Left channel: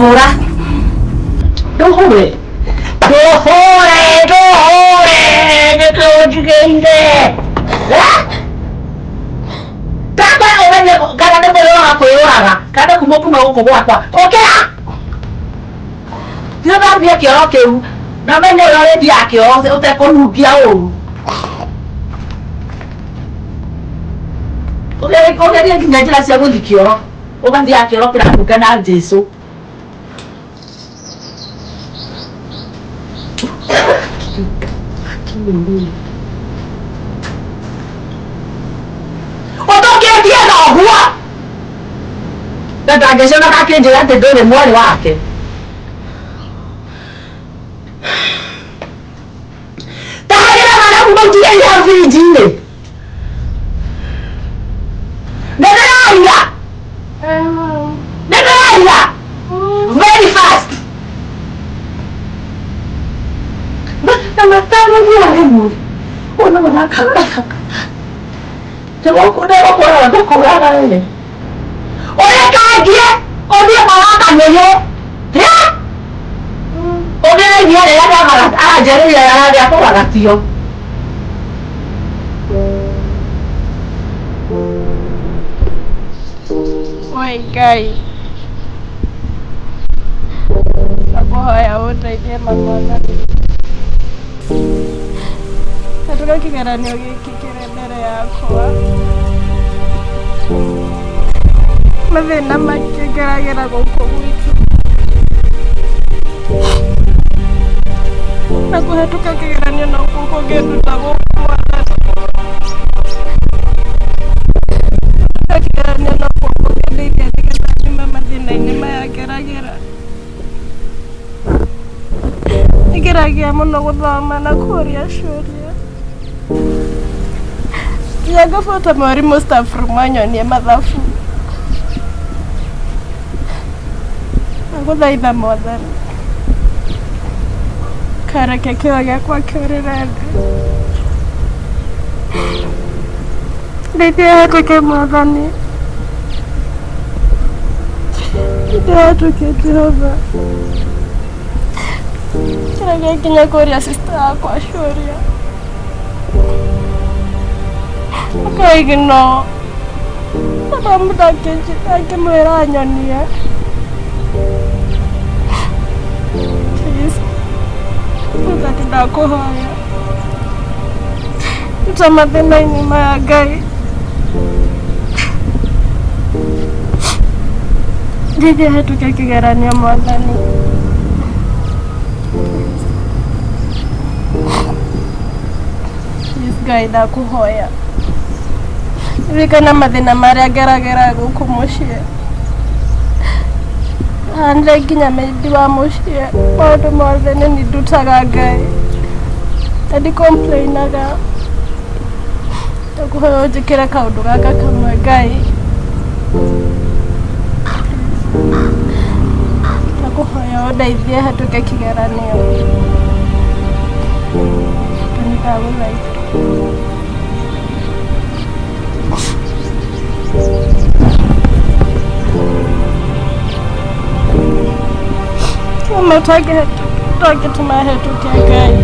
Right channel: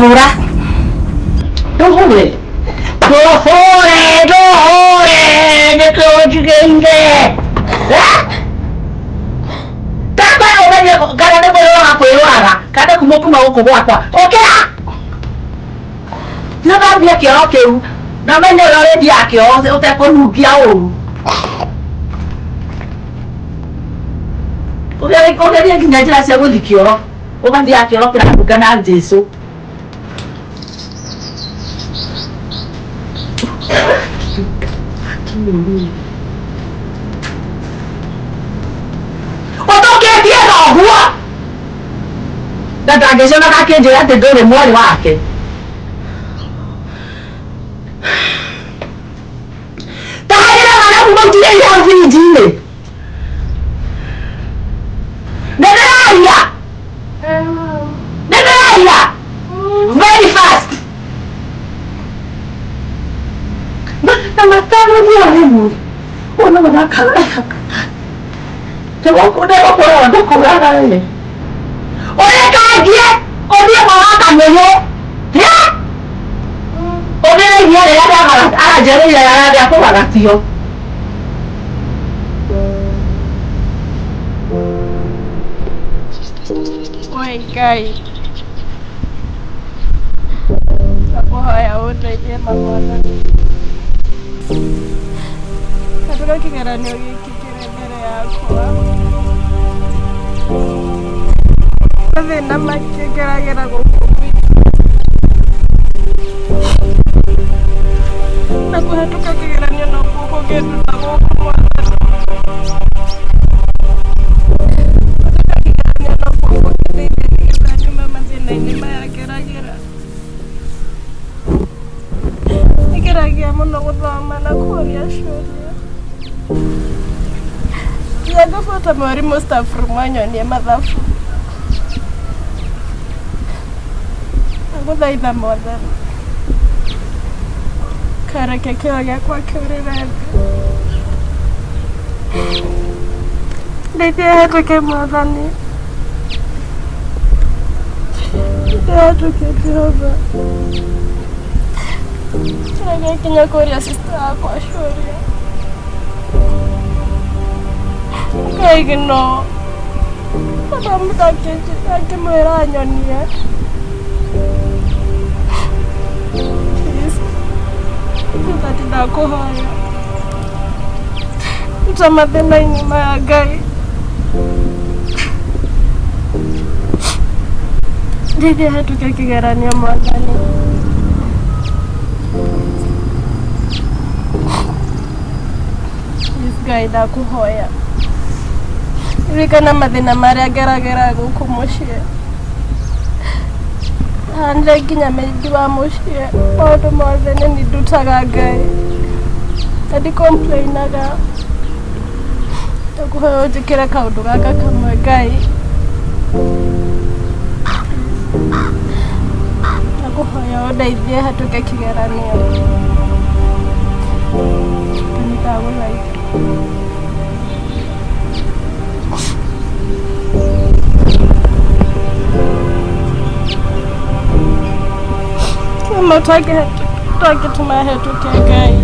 Hora. Dove? Dove? Che oggi che in te? Kama unanya kana na bolo hapo yara. Kana kumopuma huko kwa. Okay. Na bia kio keu. Na mende lore dia kio utakonugia o. Ugeria nginya njĩra cia gũthi kĩoro ũgathiaga kĩoro kĩrahuka na Jesũ ũtũkĩtie thoguo na ndangĩcoka akĩnjĩra atĩ ndũrĩ mwarĩ wake tahagĩra mwana kuma ũtigĩire hau birinji-inĩ very fast. Nama tahu dia ni. Orang mana kalah. Coba aku dah apa orang tu kau ada ni. Orang kaji, orang malah kamu yo. Ya? Orang dia ada kalah. Jadi dia aku kalah tio. Oi guys. Sabohaya undaithie mamwana katuga kĩgeranio gĩkĩ kĩrĩ mbere yakwa mathĩna maingĩ ngeragĩra gũkũ gwitũ na kũhetũka kĩgeranio nokuo kũngĩnduta gũkũ mwathani kũhetũka kĩgeranio nokuo kũngĩndeithia nĩgetha nyume mathĩna-inĩ maya ngeragĩra ngeragia mũno gũthoma na kũũria ciũria nginya ngabuata mwarimũ staff room anyonie mathabu ngũthaitha mwathani kareke kĩo gĩakwa kĩũrĩre thĩ ndeithia hetũke mwathani ndehetũke Jehova kĩrĩa nginya kũũria sister yakwa ciũria akaigno akĩmwĩra anyonie tati ndakũhoya ruta mathĩna-inĩ maya Ngai ndeithia hetũke kĩgeranio mwathani Ngai ndakũhoya ririkana mathĩna marĩa ngeragĩra gũkũ mũciĩ handire nginya maidi wa mũciĩ maũndũ mothe nĩ ndutaga Ngai na ndicomplainaga ndakũhoya ũnjĩkĩre kaũndũ gaka kamwe Ngai ndakũhoya ũndeithie hetũke kĩgeranio ndagũthaitha kama ũtangĩtũma hetũke Ngai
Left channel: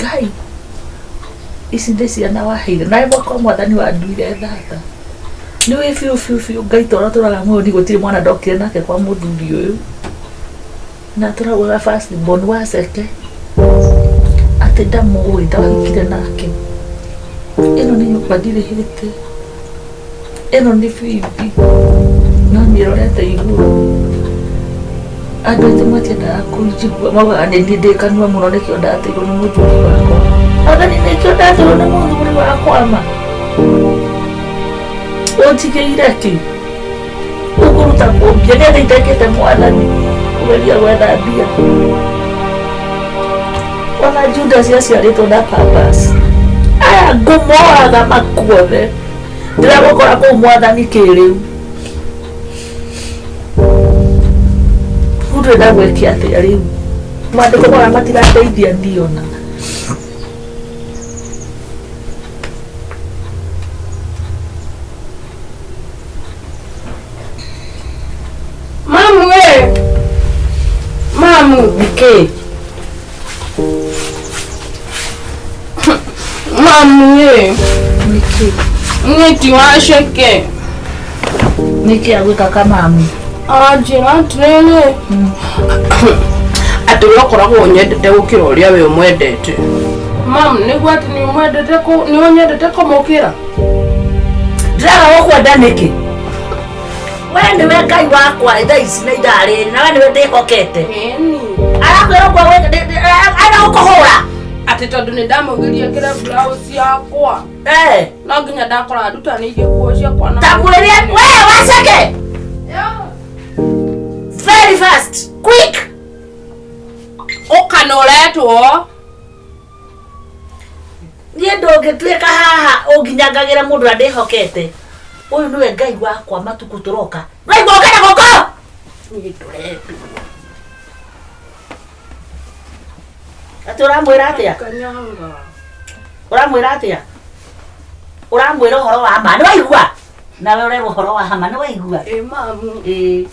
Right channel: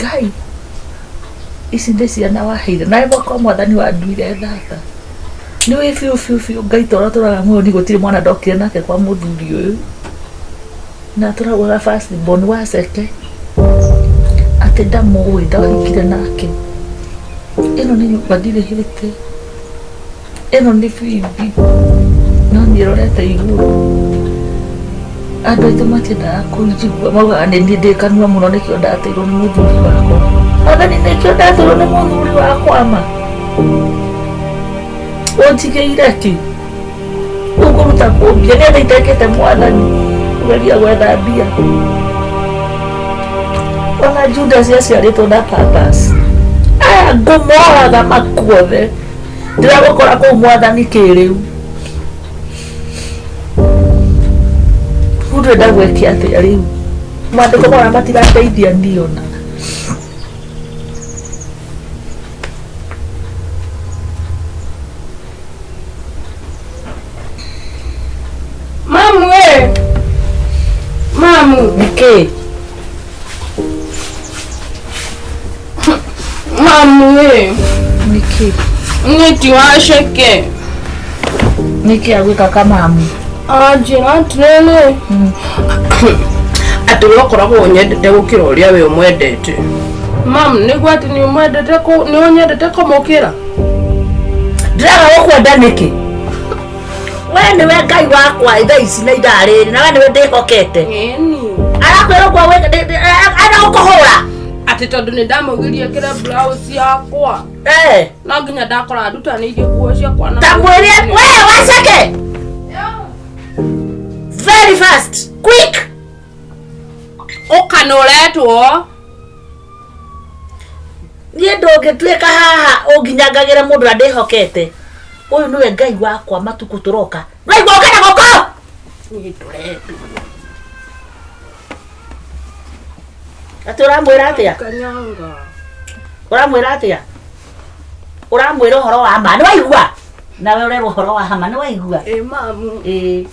Ngai ici nĩ ciana waheire nawe mwaka mwathani wa nduire thaka nĩ wĩ biũ Ngai tũra tũraga muoyo ni gũtirĩ mwana ndokire nake kwa mũthuri ũyũ na tũraugaga first born wa Ceke atĩ ndamũĩ ndahikire nake ĩno nĩ nyũmba ndirĩhĩte ĩno nĩ bibi no nĩrorete igũrũ andũ aitũ matiendaga kũnjigua maugaga nĩ niĩ ndĩ kanua mũno nĩkĩo ndateirwo nĩ mũthuri wakwa mwathani nĩkĩo ndateirwo nĩ mũthuri wakwa ma ũnjigĩire ki ũkũruta kũmbia nĩ andũ itekĩte mwathani kũgeria gwetha mbia Ona Judas yaciarĩtwo na purpose. Aya ngũmora makuothe. Ndiragũkora kũu Mwathani kĩrĩu. Ndĩrenda gwĩkia atĩa rĩu? Maandĩko marĩa matirateithia niĩ ona. Mamu we! Mamu! Nĩkĩ? Mamu we! Nĩkĩ? Nĩti waceke. Nĩkĩ agwĩka kamamu? Njĩra atĩrĩrĩ. Atĩ ũrĩa ũkoragwo nyendete gũkĩra ũrĩa we ũmwendete. Mamu, nĩguo atĩ nĩ ũnyendete kũmũkĩra? Ndĩraga gũkwenda nĩkĩ? We nĩwe Ngai wakwa thaa ici na ithaa rĩrĩ, na we nĩwe ndĩhokete. Ĩni. Arakwĩra ũguo gũkũhũra. Atĩ tondũ nĩ ndamũgirie kĩre blouse yakwa. No nginya ndakora ndutanĩirie nguo ciakwa na. Tamwĩre we waceke. Very fast, quick. Ũkanoretwo. Niĩ ndũngĩtuĩka haha ũnginyangagĩra mũndũ ũrĩa ndĩhokete. Ũyũ nĩwe Ngai wakwa matukũ tũroka. Naigua ũkenda gũkũ? Niĩ ndũretwo. Atĩ ũramwĩra atĩa? Kanyanga. Ũramwĩra atĩa? Ũramwĩra ũhoro wa ma, nĩwaigua? Nawe ũrerwo ũhoro wa ma, nĩwaigua? Mamu.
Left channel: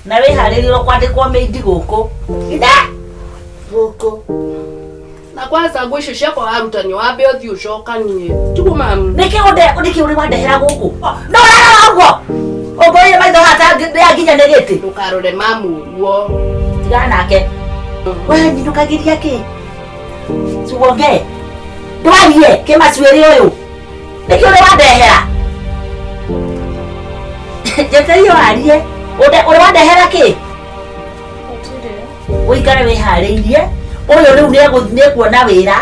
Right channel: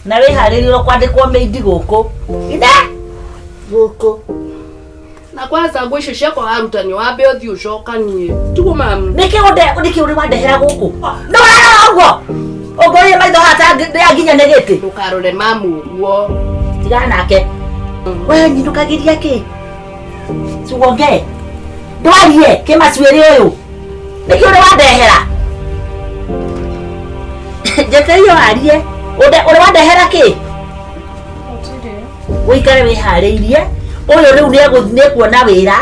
Na wĩharĩrie kwandĩkwo maidi gũkũ. Inde gũkũ. Na kwanza nguo icio ciakwa warutani wambe ũthiĩ ũcokanie. Tiguo mamu. Nĩkĩ ũrĩ wandehera gũkũ? No ũrarora ũguo. Ũngũrĩre maitho hata nginya nĩ gĩtĩ. Ndũkarore mamu ũguo. Tigana nake. We nyinũkagĩria kĩ? Sugonge. Ndwarie kĩmacuĩrĩ ũyũ. Nĩkĩ ũrĩ wandehera? Njeterio arie. Ũrĩ wandehera kĩ? Ũikare wĩharĩirie. Ũyũ rĩu nĩekuona wĩra.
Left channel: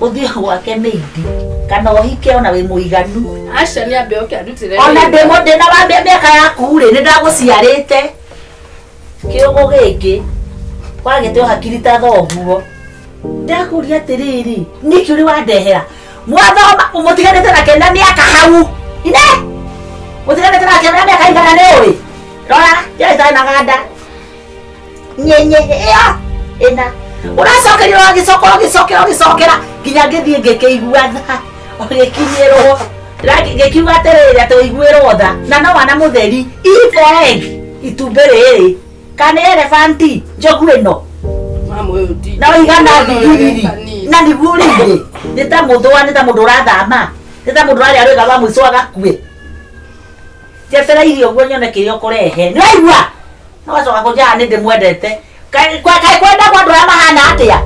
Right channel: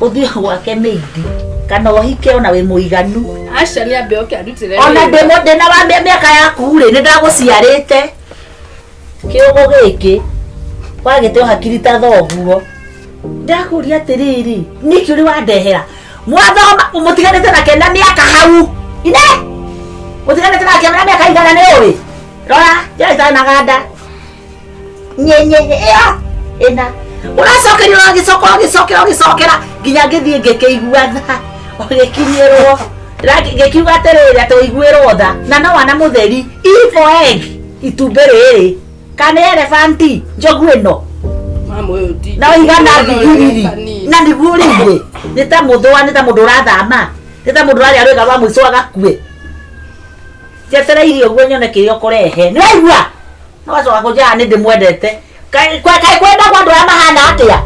Ũthiĩ gwake maidi. Kana ũhike ona wĩ mũiganu. Aca nĩ ambe oke andutĩre. Ona ndĩna wa mĩaka yaku rĩ, nĩ ndagũciarĩte. Kĩũgũ gĩkĩ wagĩte hakiri ta thoguo. Ndakũria atĩrĩrĩ, nĩkĩ ũrĩ wandehera? Mwathoma mũtiganĩte nake na mĩaka hau. Ine! Mũtiganĩte nake na mĩaka igana nĩ ũrĩ? Rora, njĩra itarĩ na ganda. Nyenye ĩyo ĩna. Ũracokerio ũgĩcokera nginya ngĩthiĩ ngĩkĩigua tha. Ũgĩkinyĩrwo. Ngĩkiuga atĩrĩrĩ atĩ ũiguĩrwo tha. Na no wana mũtheri. E for egg. Itumbĩ rĩrĩ. Kana elefanti. Njogu ĩno. Mamu ũyũ ti. Na igana thigiriri. Na nĩguo rĩngĩ. Nĩ ta mũthũa, nĩ ta mũndũ ũrathama. Nĩ ta mũndũ ũrarĩa rwĩga rwa mũico agakue. Njetereire ũguo nyone kĩrĩa ũkũrehe. Nĩwaigua? No wacoka kũnjaga nĩ ndĩmwendete. Kaĩ kwenda kwa andũ arĩa mahana atĩa?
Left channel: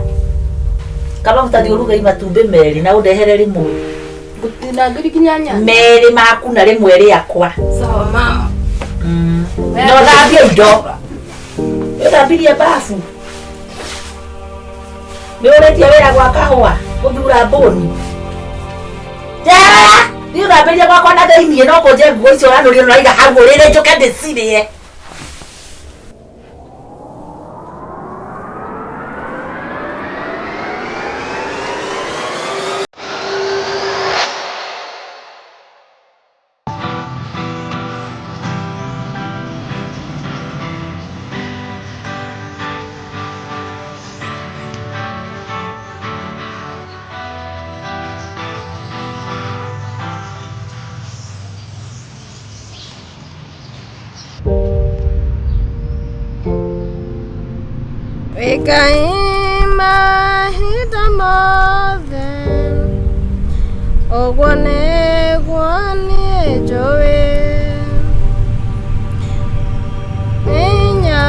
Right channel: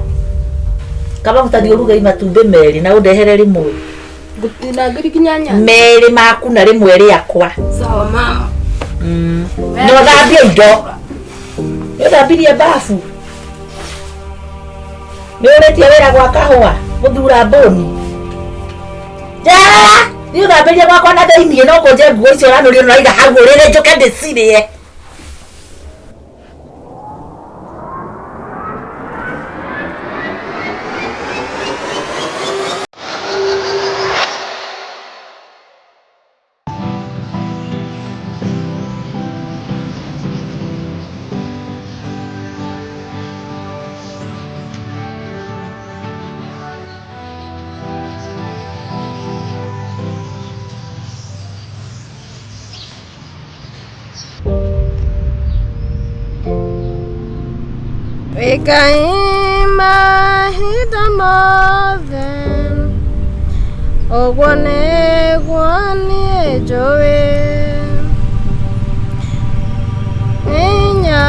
Kaba mũtathi ũruge matumbĩ merĩ na ũndehere rĩmwe. Gũtina ngirikinya nyanya. Merĩ maku na rĩmwe rĩakwa. Sawa mama. No thambie indo. Nĩũthambirie bafu. Nĩũrĩtie wĩra gwa kahũa gũthura mbũni. Njara! Nĩũthambĩrie gwakwa na thĩiniĩ no kũnje nguo icio ũranũria ũraiga hau ũrĩrĩ njũke ndĩcirie. Ngai mahinda mothe ũguo nĩguo niĩ njũĩ hinya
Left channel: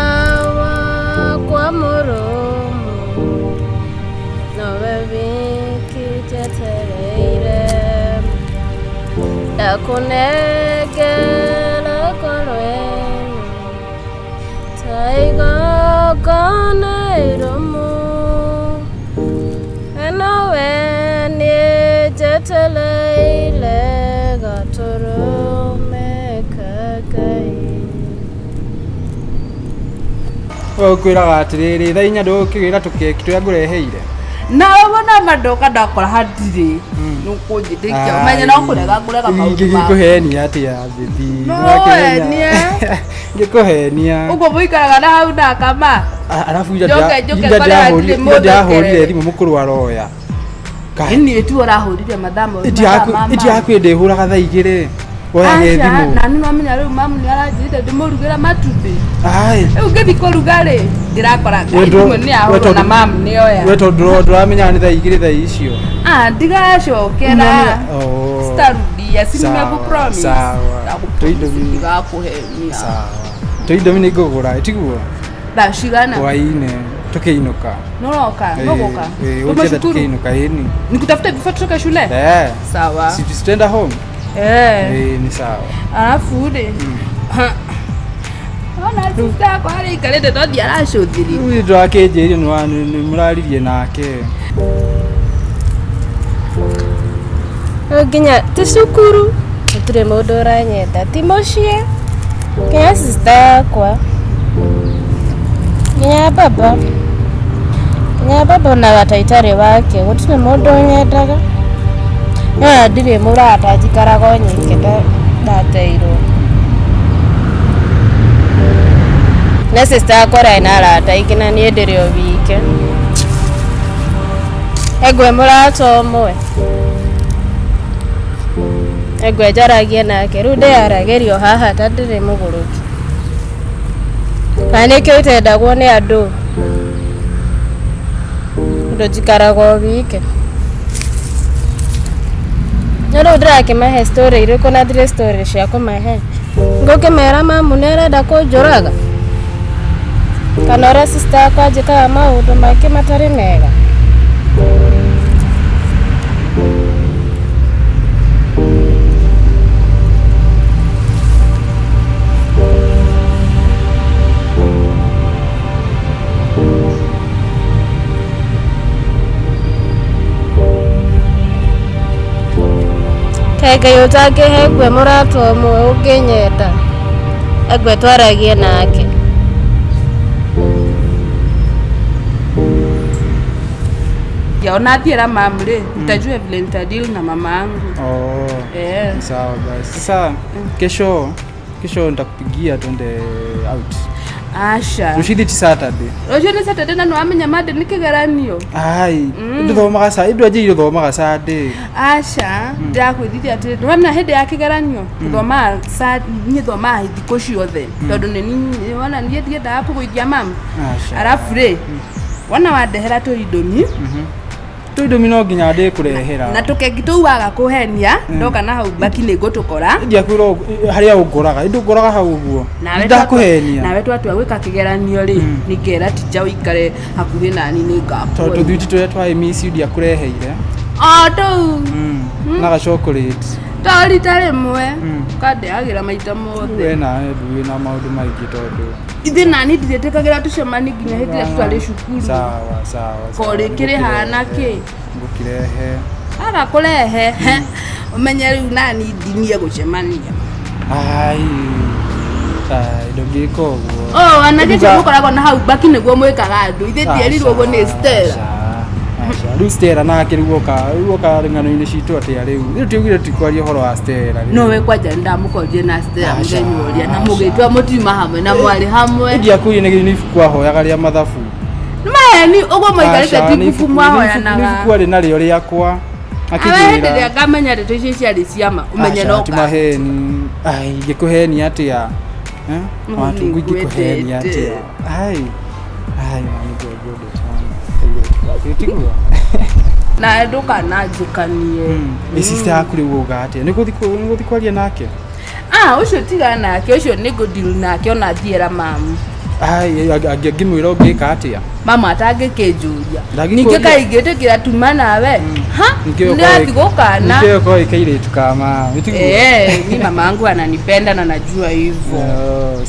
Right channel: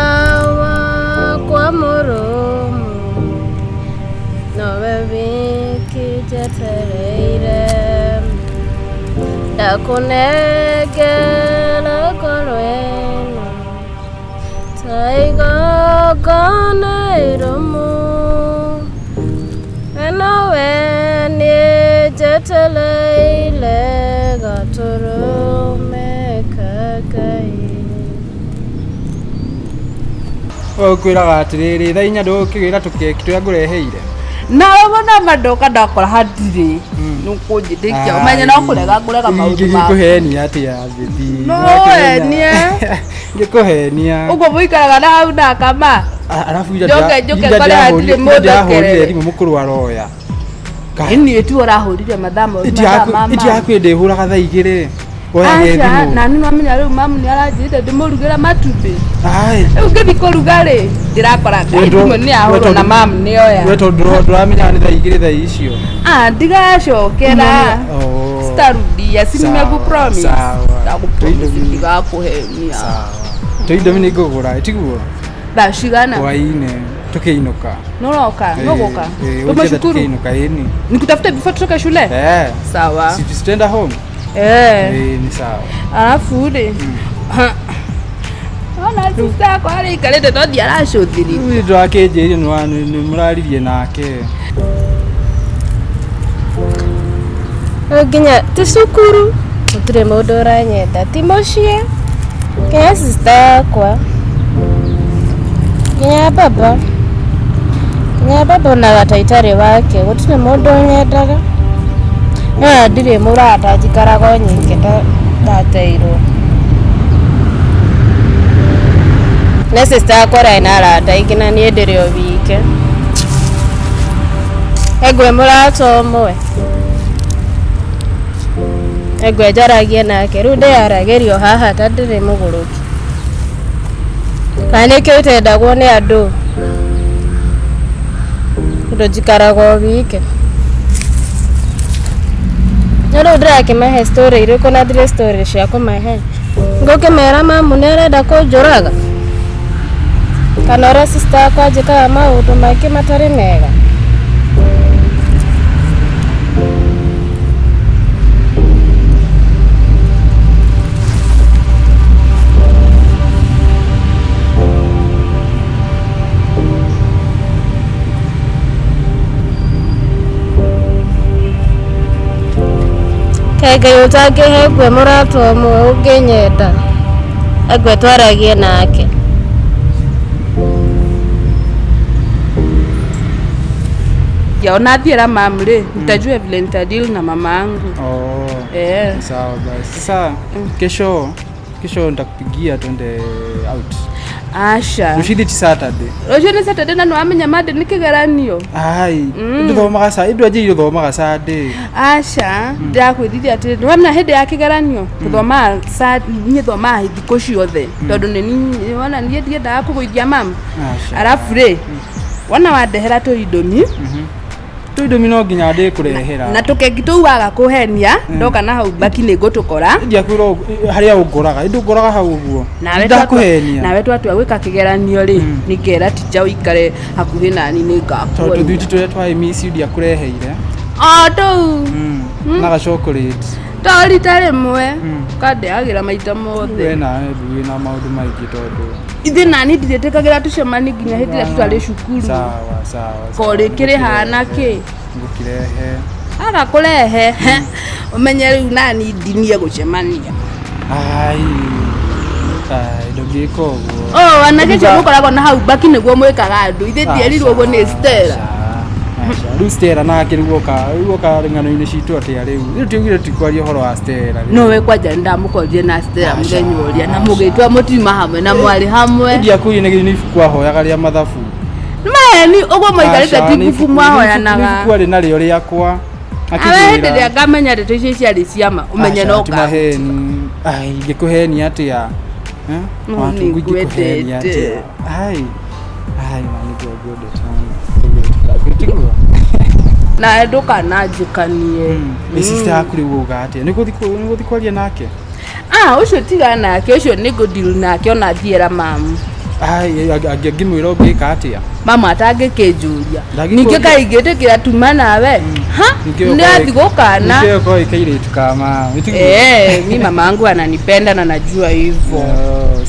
wakwa mũrũmu nowe wiki njetereire ndakũnengera ngoro ĩno ta igongona iromu nawe niĩ njetereire gatũrũme ka Ngai. Ũkwĩraga atĩrĩrĩ thaa inya ndũgũkĩgĩra tũkeki tũrĩa ngũreheire. na wona madoka ndakora handire nukunjitikia umenya no kurega maundu ma ngikuhenia atia bibi ngikuhenia ugo muikaraga na hau na kama alafu joke kore handire mundu ahurire thimu mukuru aroya ni tu arahurire mathamo mama iti akwende huraga thaa igire oya thimu na nino amenya riu mamu ni aranjirite ndimurugira matumbi ai ugithi kuruga ri ndirakora thimu ni ahura na mamu ni oya weto ndramenya ni thaa igire thaa icio ndigacokera starudia sinimeku promise ndigakuhenia sawa toindo ni ngugura tiguo bashigana waine tukiinuka noroka nogoka tumashukuru tukiinuka yeni nikutafuta before tutoke shule sawa si tutaenda home ni sawa alafu ule ona sista kwa ari kalete to dia la shothiri uyu ndo akeje ni muraririe nake nginya tusukuru turi mundu uranyenda ti mucie kinya sista yakwa kinya baba na gataitari wake gutire mundu unyendaga ndire murata njikaraga nyingi ndateirwo na sister yakwa ina arata ingi na nie ndire o wike egwe murata umwe egwe njaragia nake riu ndiaragerio haha ta ndire muguruki kana nikio itendagwo ni andu ndo njikaraga o wike riu ndirakimahe story iriku na ndire story cia kumahe ngukimera mamu ni arenda kunjuraga kana ora sister yakwa njikaga maundu maingi matari mega Ngai utangihe ngwe murata umwe unginyenda egwe twaragie nake yaona thiera mamre nitajua vile nitadili na mama yangu. Sawa basi. Sasa kesho nitakupigia twende out. Asha. Rushidi Saturday. Rushidi Saturday na amenya made nikigeranio. Ai, nduthomaga saa indo aje iruthomaga Saturday. Asha, ndakwithithia ati wamna hede ya kigeranio. Kuthoma saa nyithoma thiko ciothe. Tondu ni wana nie ndienda kuguithia mama. Asha. Arafu re wana wadehera to idomi. Tuidomi no nginya ndi kurehera. Na tukengi tuwaga kuhenia ndoka na hau baki ni gutukora. Ndia kwiro haria ungoraga. Indu ngoraga hau uguo. Ndakuhenia. Nawe twatu gwika kigeranio ri nikera tija uikare hakuhi nani ni ngapo. Tondu thuiti turia twa miss ndia kureheire. Tu. Na ga chocolate. Tori tare mwe. Kade agira maita mothe. We na ndu na maundu maingi tondu. Ithe nani nditekagira tucemani nginya hithira tutari cukuru. Sawa. Kore kire hana ki ngukirehe. Ara kurehe. Umenye riu nani ndinie gucemania. Ai ndogiko guo. Anake cio mukoragwo na hau baki niguo mwikaga andu ithe ndierirwo guo ni Stella. Riu Stella nake riu oka ng'ano-ini citu ati riu tiugire tikwaria horo wa Stella. No we kwanja ndamukorie na Stella mugenyi uria na mugitwa mutima hamwe na mwari hamwe. Ndia kuyi ni kwa hoyaga ria mathabu. Ni ugo maikarite tibuku mwahoyanaga. Kwa ri nario riakwa. Akijira ngamenya rito ici ciari ciama umenye no ka. Timaheni. Ai ngikuheni atia. Watu ngikuheni atia. Ai mani gogo sana. Na nduka na njikanie. Sister yaku riu uga atia niguthi kwaria nake. Ucio tiga nake ucio ni go deal nake ona thiera mamu. Ai angimwira ungika atia mama atangikinjuria ninge kaigite kira tuma nawe ndathi gukana ndio kwa ikaire tukama mimi mama yangu ananipenda na najua hivyo.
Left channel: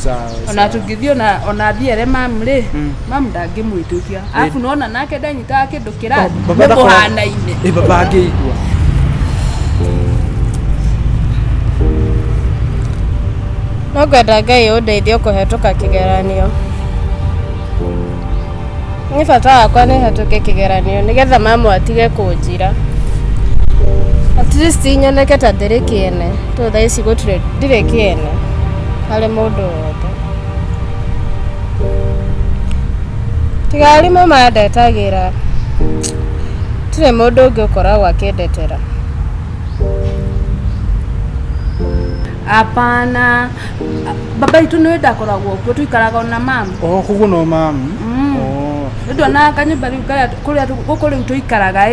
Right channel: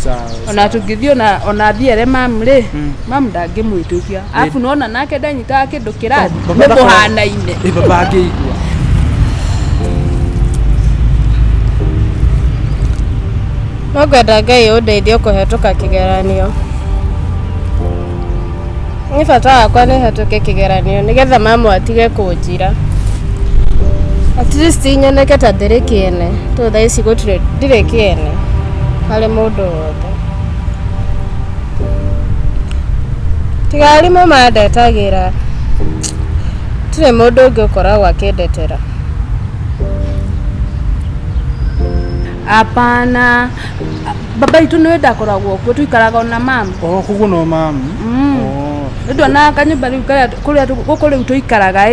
Sawa. Ona tugithio na ona thiere mamre mamu ndangimwitukia afu nona nake ndanyita kindu kirathi muhanaine baba angeigua Nogwenda Ngai undeithie kuhetuka kigeranio. Ni bata wakwa nĩ hatuke kĩgeranio nĩgetha mamu atige kũnjira. At least nyoneke ta ndĩrĩ kĩene. To thaa ici gũtirĩ ndirĩ kĩene harĩ mũndũ wothe. Tiga arimũ mandetagĩra. Tũrĩ mũndũ ũngĩ ũkoragwo akĩndetera. Apana. Baba itu nĩ ndakoragwo kuo tuikaraga na mama. Kuguo no mama. Ndio na kanyumba riu kuria gukuri tuikaraga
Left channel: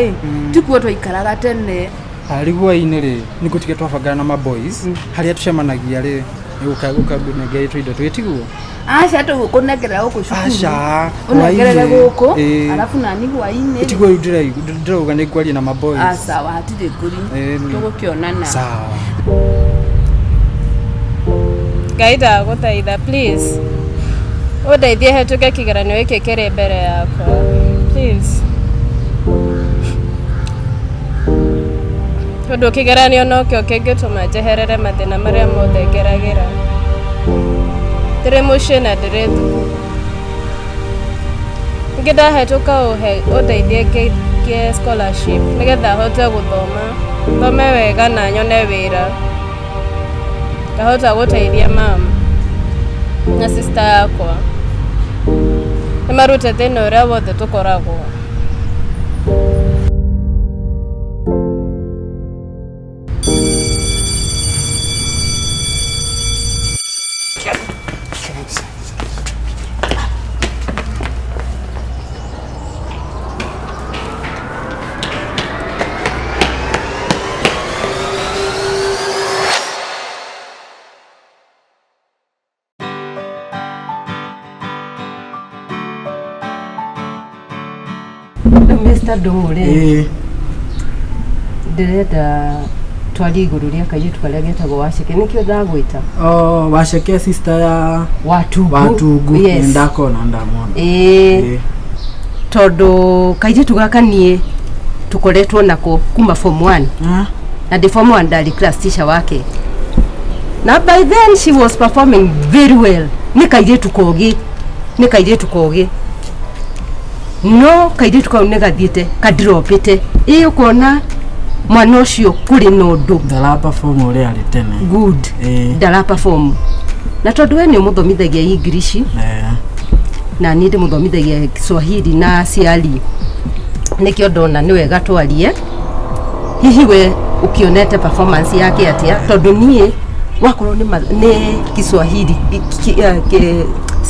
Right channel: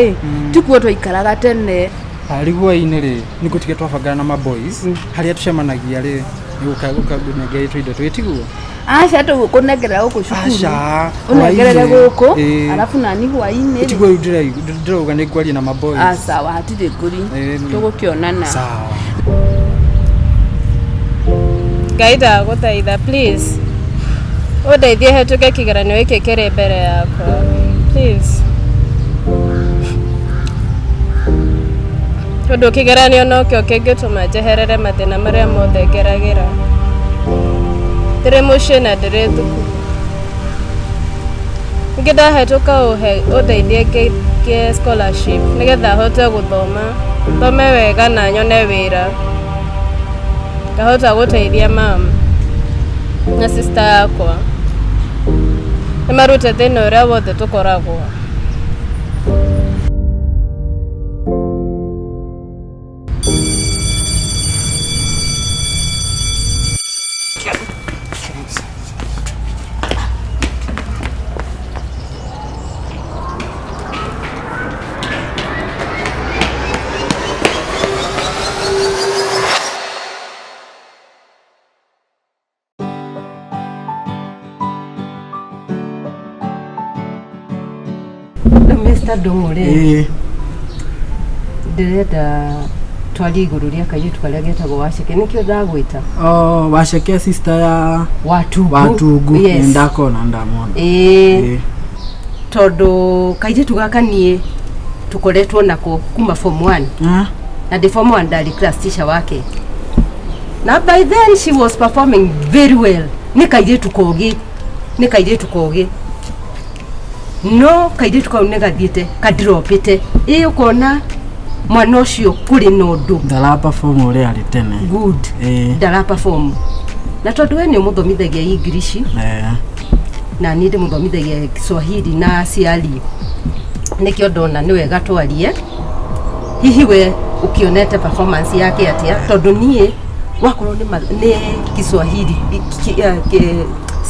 tikuo tuikaraga tene. Ariguo-inĩ rĩ nĩ gũtige twabangana na ma boys harĩa tucemanagia rĩ ũkabunengera indo twĩtiguo. Acha tukunengera huko shukuru. Acha unegerere guko alafu nani hwainĩ tiguo ndĩrauga nĩ ngwaria na ma boys. Sawa hatirĩ ngũri tũgũkĩonana. Sawa. Gaida gũthaitha please. Ũndeithie hetũke kĩgeranio gĩkĩ kĩrĩ mbere yakwa. Please. Tondũ kĩgeranio nokĩo kĩngĩtũma njeherere mathĩna marĩa mothe ngeragĩra. Ndĩrĩ mũciĩ na ndĩrĩ thukuru. Ningĩ ndahetũka ũndeithie ngĩe scholarship nĩgetha hote gũthoma. Thome wega na nyone wĩra. Ngahota gũteithia mama na sister yakwa. Nĩmarute thĩna ũrĩa wothe tũkoragwo. Mr. Dongore. Ndirenda twari iguru ria kairitu karia getagwo Waceke nikio ndagwita. Waceke sister ya Watugu yes. Ndakona ndamona. Tondu kairitu gaka nie tukoretwo nako kuma form 1. Na the form 1 ndari class teacher wake. Na by then she was performing very well. Ni kairitu kogi. No kairitu kau negathiete kadropite ukona mwana ucio kuri nondu ndara perform uri ari tene good ndara perform na tondu we ni muthomithagia English na ni ndi muthomithagia Kiswahili na ciari nikio ndona ni wega twarie hihi we ukionete performance yake atia tondu nie wakorwo ni Kiswahili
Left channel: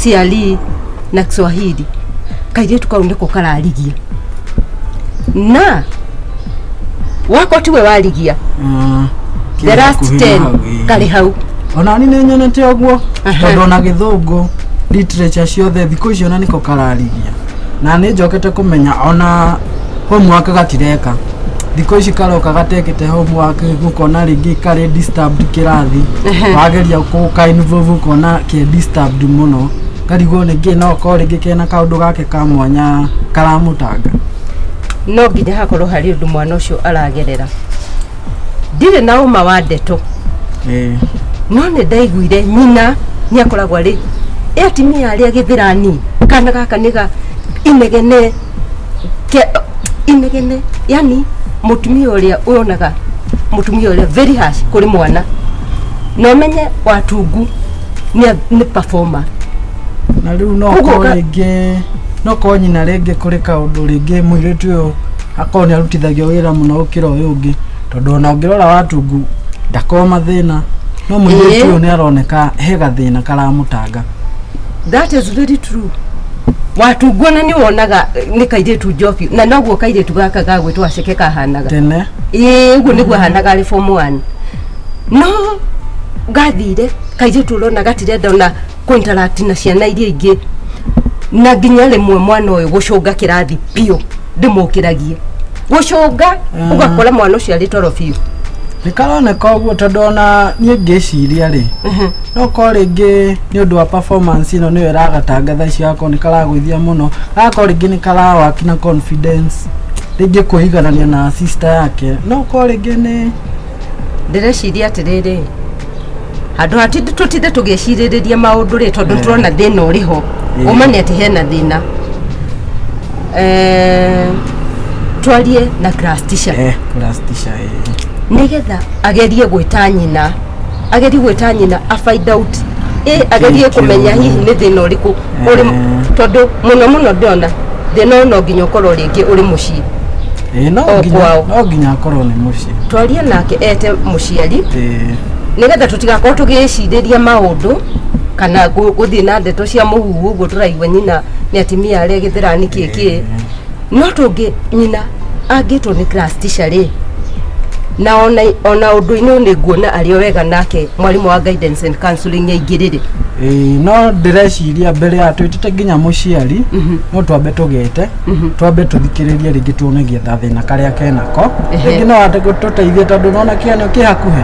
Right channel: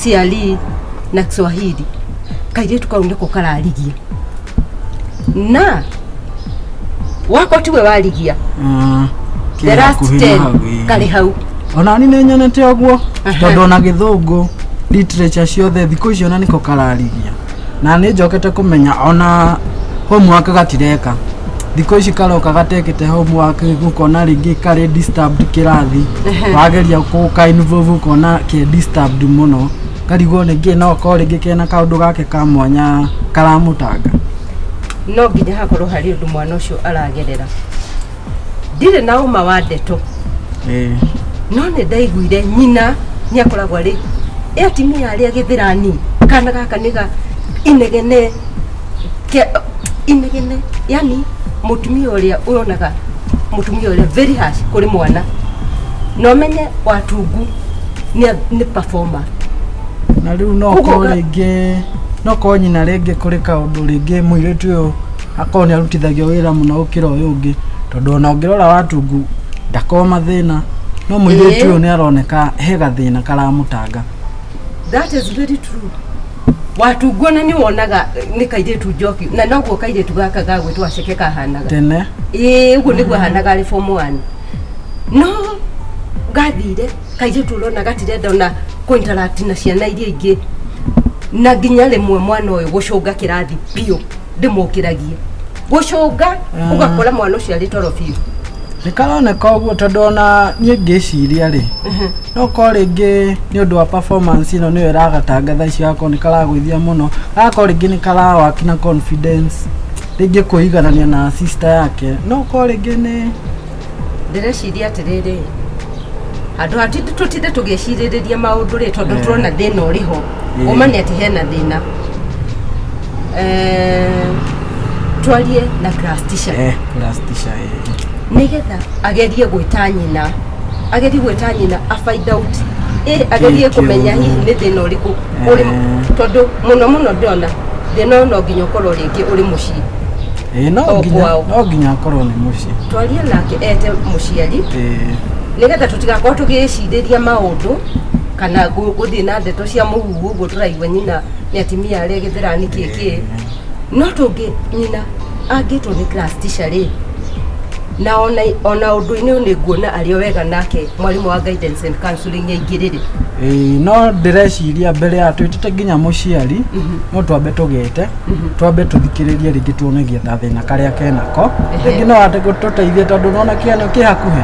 ciari na Kiswahili kairitu kau niko kararigia na wako tiwe warigia the last 10 kari hau ona ni nyonete oguo tondu na Githungu literature ciothe thikũ icio na niko kararigia na nĩ njokete kũmenya ona homework gatireka thikũ ici karoka gatekete homework gũkona rĩngĩ kari disturbed kirathi wageria gũka involve kona ke disturbed muno karigwo ningĩ no ko rĩngĩ kena kaũndũ gake ka mwanya karamutanga no nginya hakorwo hari undu mwana ucio aragerera ndire na uma wa ndeto no ne ndaiguire nyina ni akoragwo ari atimia ari agithirani kana gaka niga inegene yani mutumia uria uronaga mutumia uria very harsh kuri mwana no menye Watugu ni performer na riu no ko rĩngĩ no ko nyina rĩngĩ kũrĩ kaũndũ rĩngĩ mũirĩtu ũyũ akorwo nĩ arutithagio wĩra mũno gũkĩra ũyũ ũngĩ tondũ ona ũngĩrora Watugu ndakoma thĩna no mũirĩtu ũyũ nĩ aroneka he gathĩna karamũtanga. That is very true. Watugu na ni wonaga ni kairitu Jofi na noguo kairitu gaka gagwĩtwo Waceke kahanaga tene ũguo nĩguo hanaga arĩ form 1 no gathire kairitu rona gatirenda ona interact na ciana iria ingĩ na nginya rĩmwe mwana ũyũ gũcũnga kĩrathi piũ ndĩmũkĩragie gũcũnga ũgakora mwana ũcio arĩ toro biũ nĩ karoneka ũguo tondũ ona niĩ ngĩciria rĩ no ko rĩngĩ nĩ ũndũ wa performance ĩno nĩyo ĩragatanga thaa ici gako nĩ karagwĩthia mũno gako rĩngĩ nĩ karawaki na confidence rĩngĩ kũiganania na sister yake no ko rĩngĩ nĩ ndĩreciria atĩrĩrĩ handũ hatinde tutinde tũgĩcirĩrĩria maũndũ rĩ tondũ tũrona thĩna ũrĩ ho uma nĩ atĩ hena thĩna twarie na class teacher class teacher nigetha agerie gwita nyina a find out agerie kumenya hihi ni thina uriku uri tondu muno ndona thina no nginya ukorwo ringi uri mucii no nginya akorwo ni mucii twarie nake ete muciari nigetha tutigakorwo tugiciriria maundu kana guthii na ndeto cia muhuhu uguo turaigua nyina ni atimia aria githirani kiki no tungi nyina angitwo ni class teacher ri na ona undu-ini ni nguona ario wega nake mwalimu wa guidance and counseling yaingirire no ndireciria mbere ya twitite nginya muciari no twambe tugete twambe tuthikiririe ringi tuonegie thina karia kenako ringi no ate gututeithie tondu nona kiano kihakuhe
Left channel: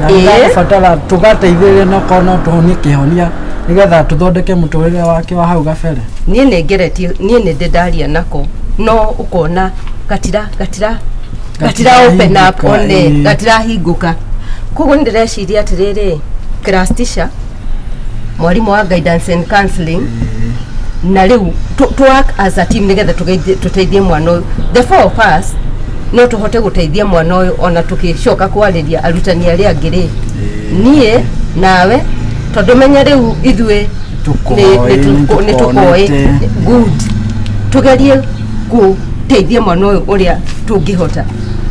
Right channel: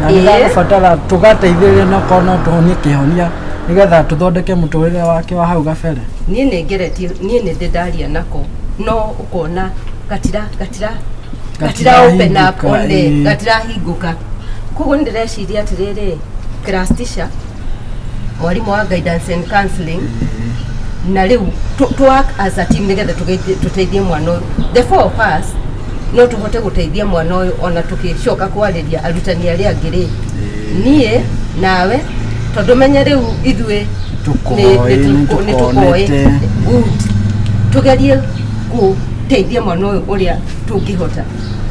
na nĩgũbatara tũgateithĩrĩria no korwo no tũhonie kĩhonia nĩgetha tũthondeke mũtũrĩre wake wa hau gabere. Niĩ nĩndĩ ndaria nako no ũkona gatira open up one gatirahingũka. Koguo nĩndĩreciria atĩrĩrĩ class teacher mwarimu wa guidance and counseling na rĩu to work as a team nĩgetha tũteithie mwana ũyũ. The four of us no tuhote guteithia mwana uyu ona tukicoka kwariria arutani aria angiri nie nawe tondu menya riu ithue ni tukoi good tugerie guteithia mwana uyu uria tungihota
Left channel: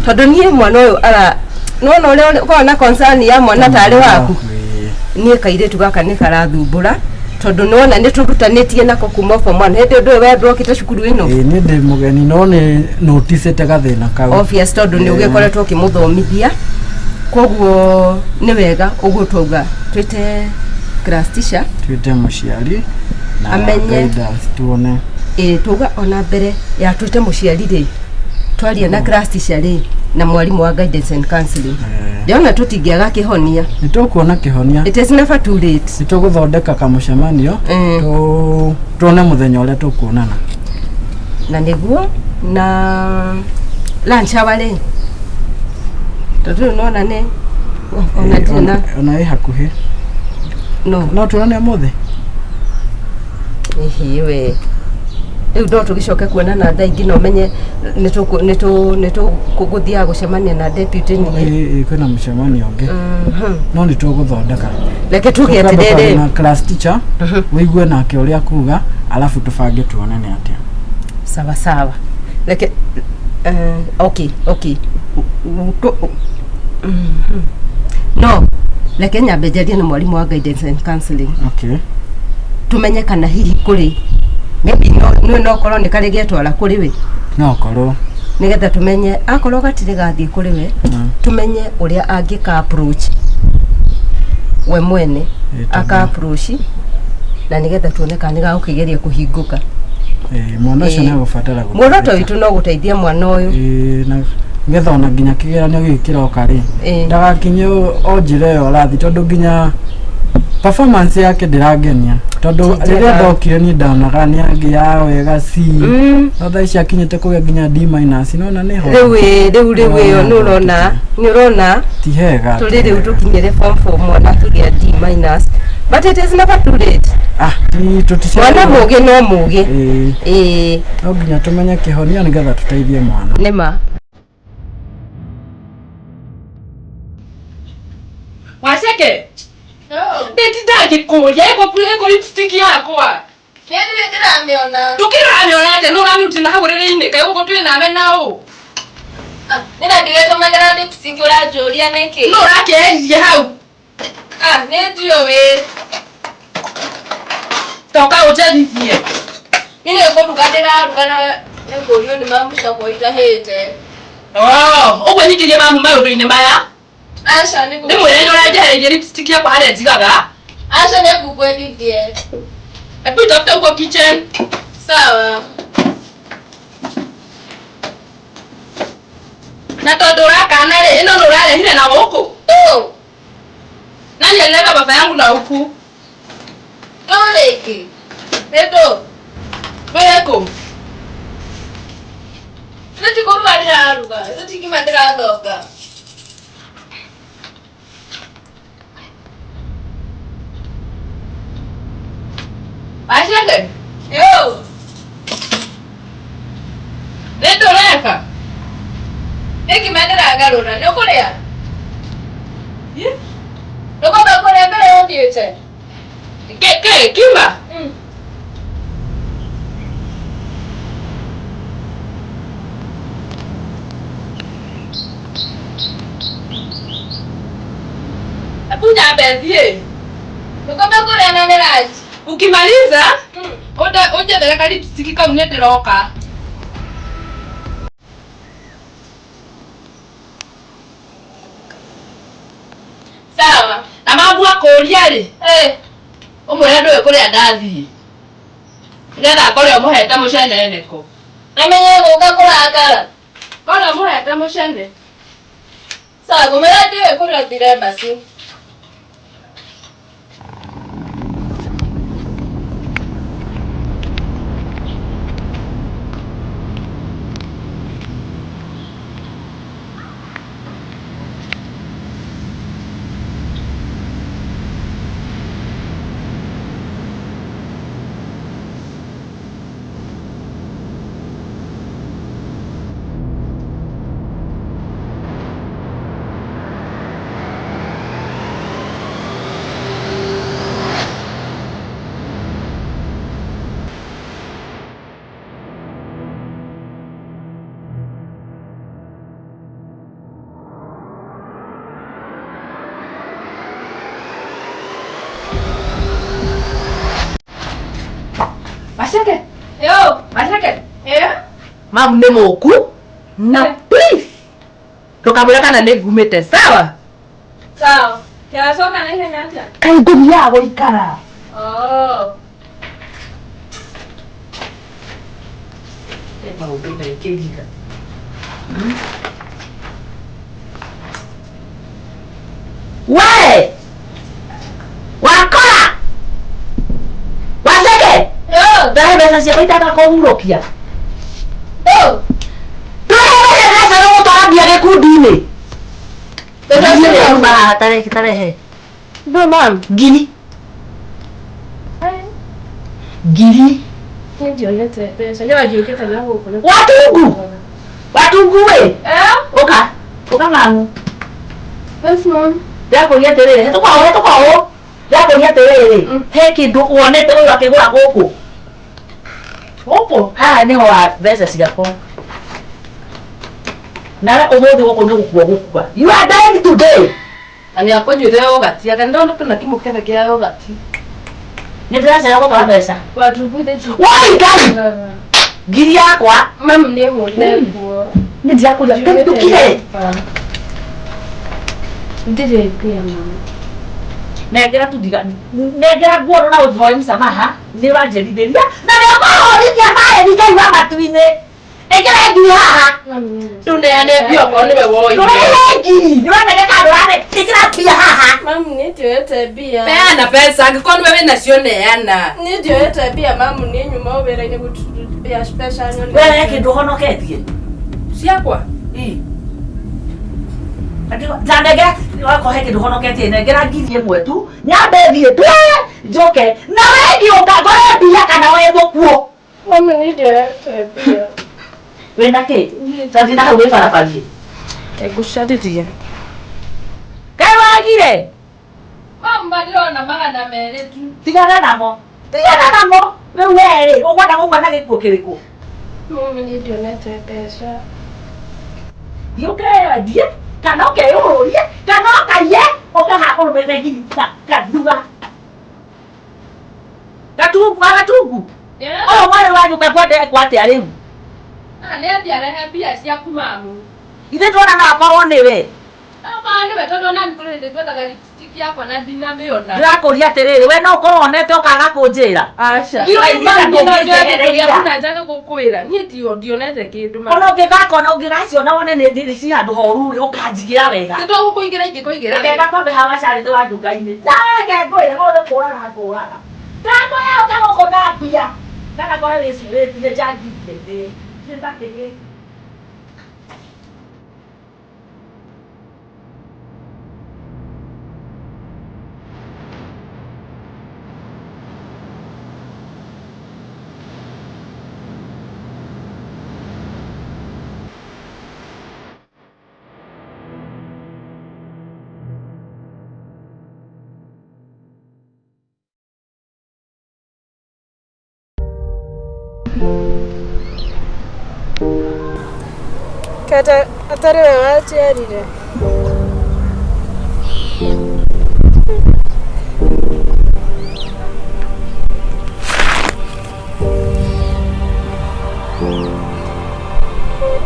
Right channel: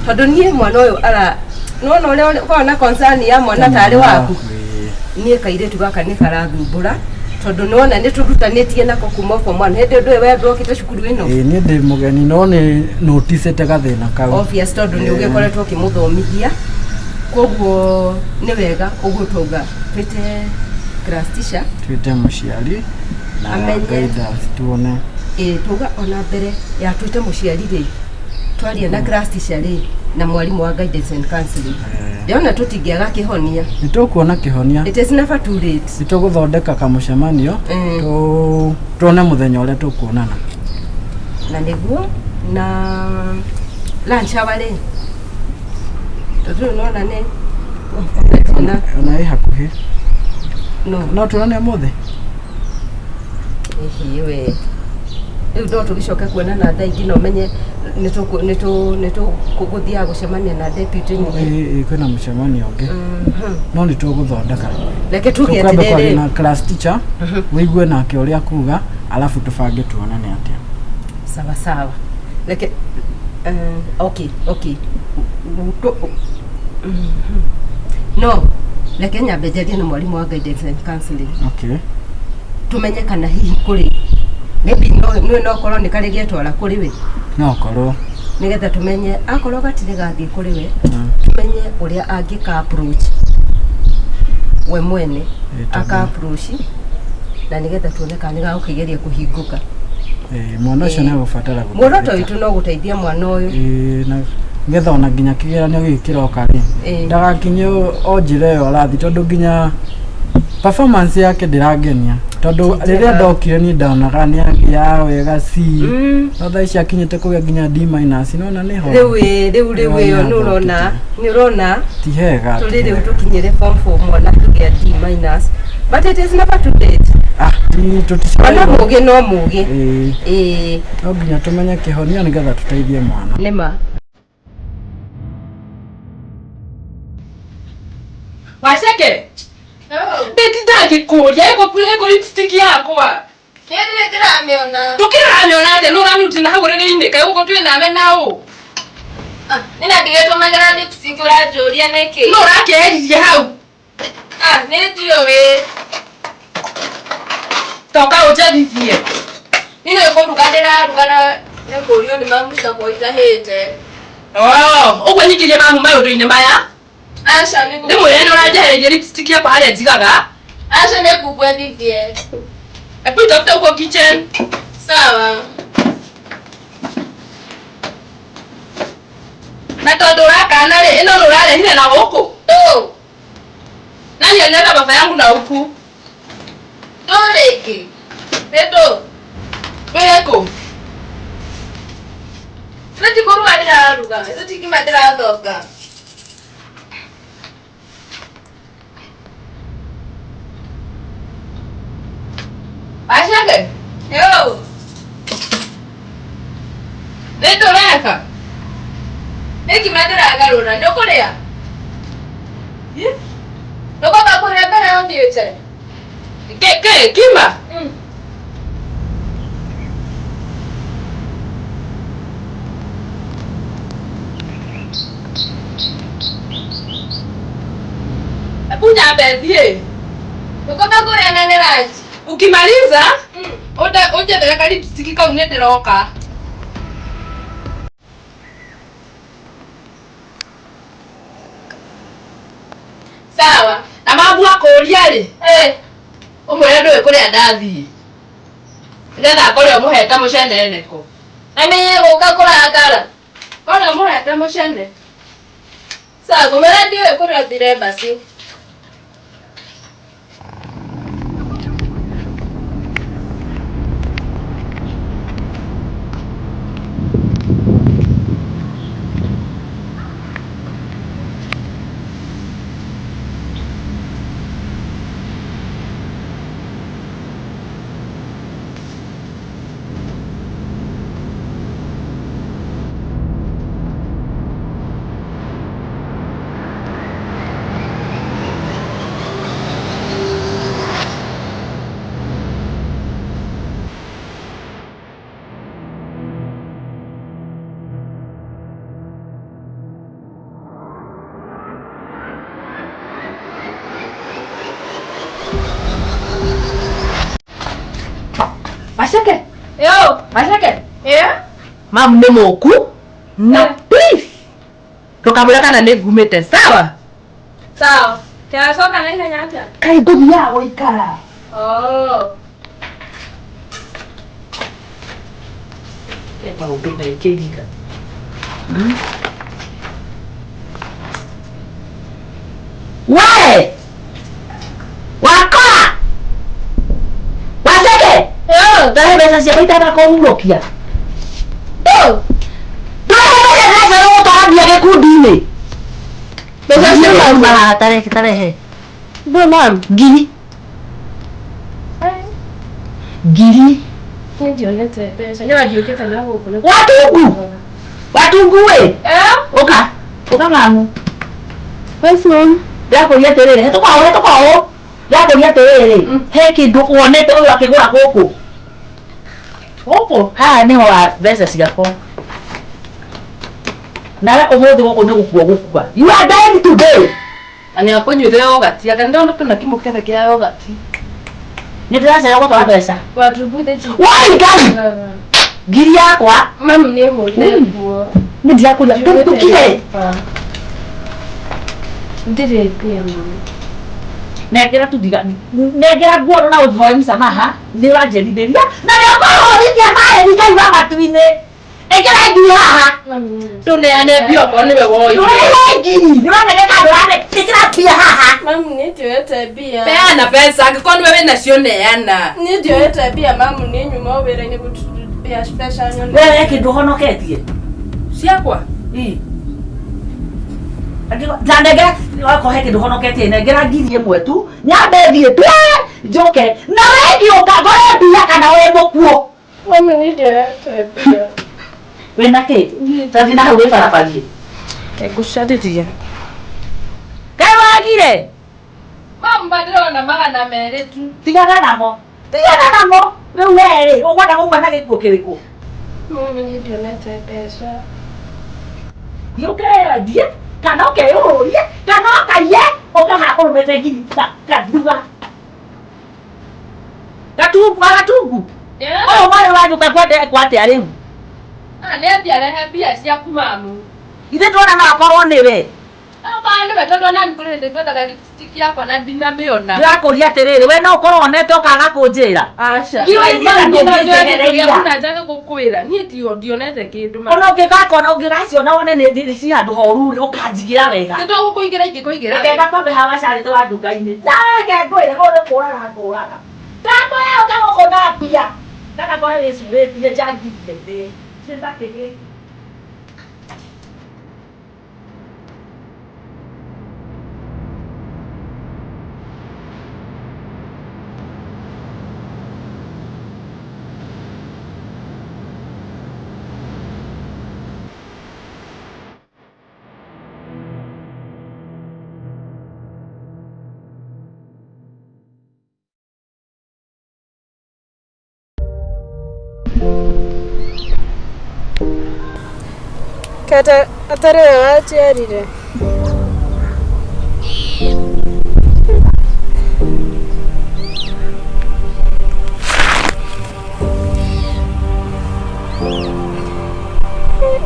tondu nie mwana uyu ara nona uria kona concern ya mwana tari waku nie kairetu gaka ni karathumbura tondu nona ni turutanitie nako kuma form 1 hindi ndu we brokite cukuru ino ni ndi mugeni no ni notice te gathina kau obvious tondu ni ugekoretwo kimuthomithia koguo ni wega uguo twauga twite class teacher twite muciari na amenye tuone tuga ona mbere ya twite muciari ri twaria na class teacher ri na mwalimu wa guidance and counseling yona tutingiaga kihonia nitukuona kihonia it is never too late nituguthondeka kamucemanio tuone muthenya uria tukuonana na niguo na lunch hour ri tondu nona ne ona hakuhi no tuonane mothe we riu ndo tugicoke kuonana thaa ingi no menye nituguthia gucemania na deputy ni kwina mucemanio ungi no nituguthondeka reke tuge atiriri na class teacher wigue nake uria kuga alafu tubange tuonane atia sawa reke okay no reke nyambe njarie na mwalimu wa guidance and counseling okay tumenye kana hihi kuri maybe no korwo ni kari getwara kuri we no korwo nigetha tumenye akorwo gatire gathie kuri we tumenye uria angika approach we mwene aka approach na nigetha tuone kana ni gagukigeria kuhinguka mwana ucio ni agubatara muoroto witu no guteithia mwana uyu na ngetha ona nginya kigeranio gikiroka ri ndagakinye onjire yo rathi tondu nginya performance yake ndirangenia tondu riria ndokire ni ndanaga ni angia wega C no thaa ici akinyite kugia nginya D- nona ni ho riu yo ni urona ti hega tuli riu tukinyire form 4 mwana kigia D- but it is never too late ti tutisha mwana mugi no mugi no nginya tumenye kihonia nigetha tuteithie mwana nima Waceke nditindagi kuria ego lipstick yakwa tukiramiona ate nuramutina haguriri-ini kai ugo twinawe nao nina ndigetumagĩra lipstick ũranjũria nĩkĩ nũrakeririe hau nĩndio we toka ũnjethithie nino ĩkũruga ndĩraruga na nĩkũrio nĩ mamu ciakwa itahĩte ũguo nyingĩrie mamu maũndũ-inĩ maya aca ndĩmwĩre nĩ ũranjehereirie lipstick yakwa harĩa njigaga aca nĩngũkwendithie hebu itafute huko kitchen sawa na tondu urakana ri ino nurarehire na guku nani alileta baba yangu na huku rĩngĩ nĩndũ weko nĩtikũruga ndĩraruga nĩtikima ndĩrathonga Waceke yo garura ndio kuria ndio kwa kuria mbele yo ndiete kima Punya bendie. Ukome kuria nene raji. Ukimaliza uje beleka lipstick ka unenderoka. Sawa. Na mambo akoria ri. Umwe ndo kuria ndathi. Ngetha koria muheta mucene neko. Amenye muka kurakara. Koria muheta mucene. Sawa, kumera ndiwe kuria thire basi. Masake? Yo, Masake? Yeah. Mam ni moku? Na please. Tukamula kana negumete, sawa? Sawa. Kaya soka na ile nyanja. Kai dunia go ikara. Oh. Eba ubenda ikejika. Wae! Wakora! Waseke! Dale besa si apaita ko urokia. Dale besa no tabia ke kudine. Besa si ba tarehe. Bo mam, gini. Gini. Ndio lete pesa. Yawa hiyo keta langu kule. Watungu. Watungu we. Oka. Oka mangu. Pesa. Yako yeterere. Toka. Yako yeterere. He kindu wonete uyu akigura guku. Opo, niho wa pesa cigako. Na umuthi guku ni gukua gukua. You are dying today. Ani akonyire yogati, aga ndo ndo kimu kethe kia yogati. Ni ndiraca gutwara pesa. Watubuthe ti. Wai gari. Ngiri yakwa. Mam ni hone nguo. Ni ndirakuria tukire. Ndire pia mama. Negera tudigani. Negera nguo na uthoi msamaha. Ni wanjeritheria. Na nĩũkũhũrithia maĩ nikaigua matu-inĩ. Ĩkĩra ngiri haha. Tũneane bioko nĩwe woi. Tũrehe ngiri. Nĩwoneka ndũrane. Ĩkĩra mbia haha. Mamu nĩnjoete mbia. Peana pesa angĩkorwo nĩwe wĩnacio neana. Nĩnjoete mbia mamu nĩ nyuma wĩra-inĩ gũtubia special nyone. Wewe kĩndũ ũhonoketie. Ciakwa? Ii. Ndandegera wakohe kĩndũ ũhonoketie nengera ngiri ĩmwe tu. Nyambe thiĩ twe njoke. Na we ngĩũka ngore mbia kana wĩ mũkuo. Mamu nĩnjoete mbia. Wĩna kĩ? Tathi na hau wĩbarabarie. Ngũcarĩria. Kaĩ wagire? Mamu ndĩrona magana merĩ tu. Tigana namo. Rĩu werĩ ũkwenda gũkua na gĩkuũ kĩrĩkũ? Mamu nĩndionete mbeca. Thiĩ wendie kana ũkeyũrũrie kana ũkaiye ũkaha kũrũmĩte ngiri kanduga. Gatungu. Ũyũ mwarĩ wa nyũmba kwendekwo atĩa rĩu? Nĩambia rehe mbia ciaku mamu. Ithe tuona no akorwo nĩwe. Nĩwe tondũ ona nĩkũrĩte twethaga lipstick yakwa na ndinamĩona. Ndĩrakũria atĩrĩrĩ, we no ũkorwo wonete ũkaga kũnjĩra. Aca. Njaga gũkwĩra. Niĩ ndionete kĩndũ. Ona ũngĩgaciona wone nĩ ci handũ horu-rĩ ũkanjigĩra wega. Nĩtũgũkũigĩra ingĩkũigĩra. Reke ngwambe haha gacarĩ wa nduka-inĩ. Reke ngwĩre gũrĩ kũraga. Ndakwĩra ũtagũkũna mbia. Kana ngore wĩcurĩtie njangithie thĩ. Nĩndakĩgĩte. Kata atari we waciarire.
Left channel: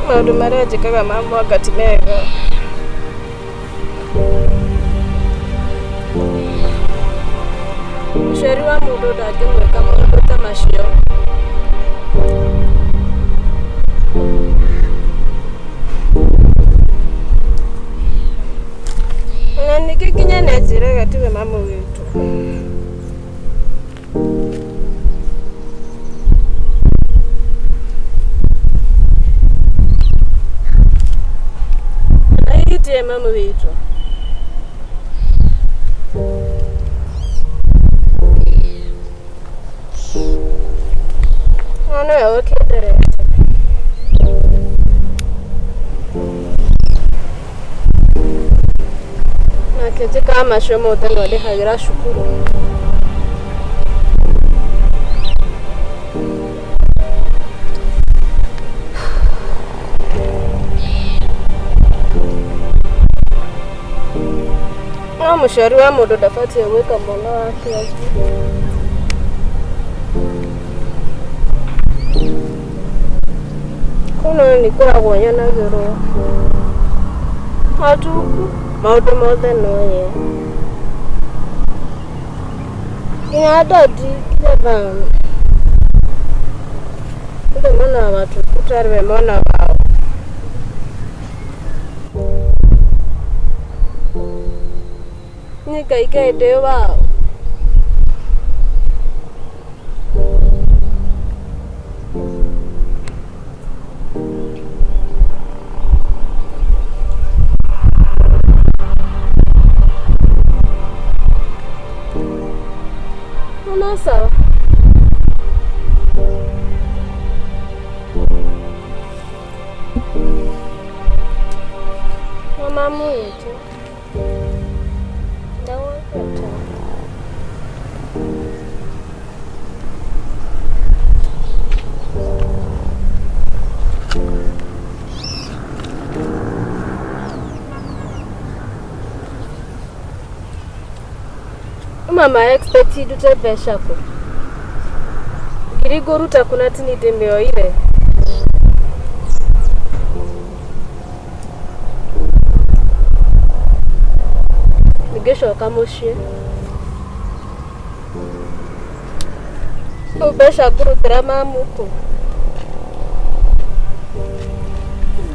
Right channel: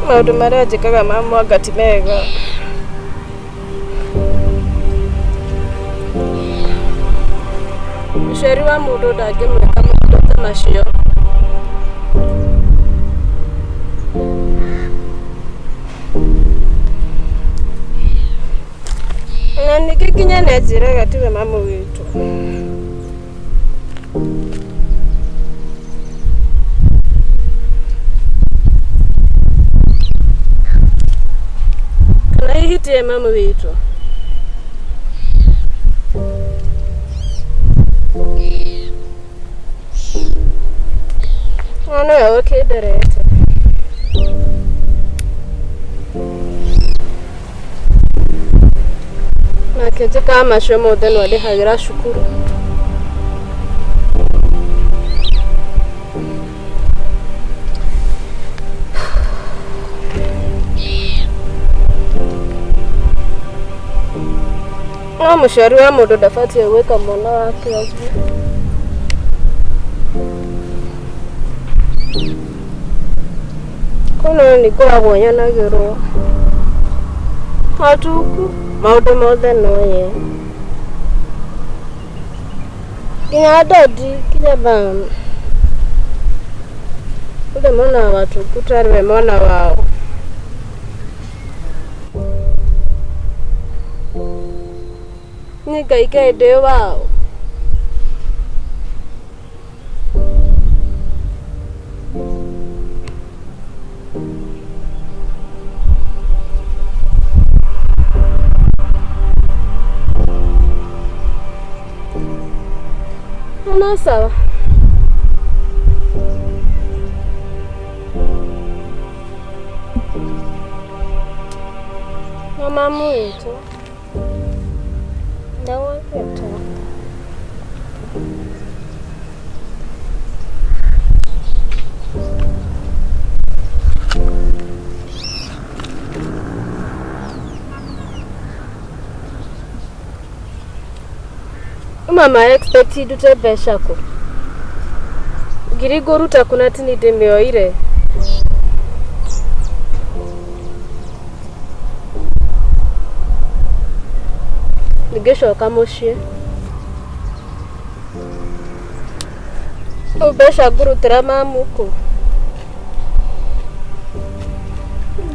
Maundu maria njikaga ma mwanga ti mega. Muciari wa mundu ndangimwika maundu ta macio. Na ningĩ nginya nĩanjĩraga tiwe mamu witũ. Kana hihi tiwe mamu witũ. No nĩwe ũkĩnderete. Nake njĩkaga macio mothe no ndĩhagĩra cukuru. No mũciari wa mũndũ ndabatiĩ gwĩka mwana wake ũguo. Kono nĩngoragwo nyanagĩrwo. Hatuku maundu mothe noye. Nginya dadi kila bam. Ule mwana wa watu kutariwe mwana wao. Nikaikaide wao. No sawa. Mama mwetu. Dawa yetu. Mama expected to besha ko. Giri goru takuna tini demioire. Nigesho kamoshie. Ubesha guru trama muko.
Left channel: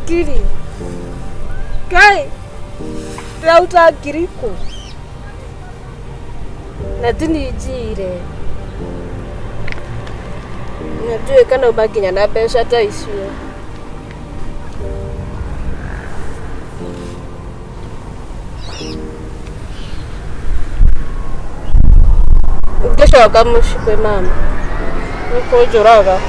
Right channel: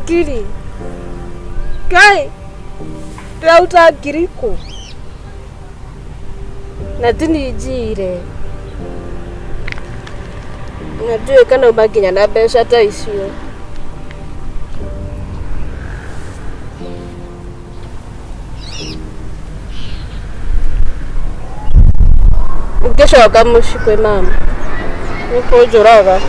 Giri. Kai. Rauta giriko. Na tinijire. Najue kana ubakinya na besha ta icio. Ngeshoka mushi kwe mama. Niko juraga.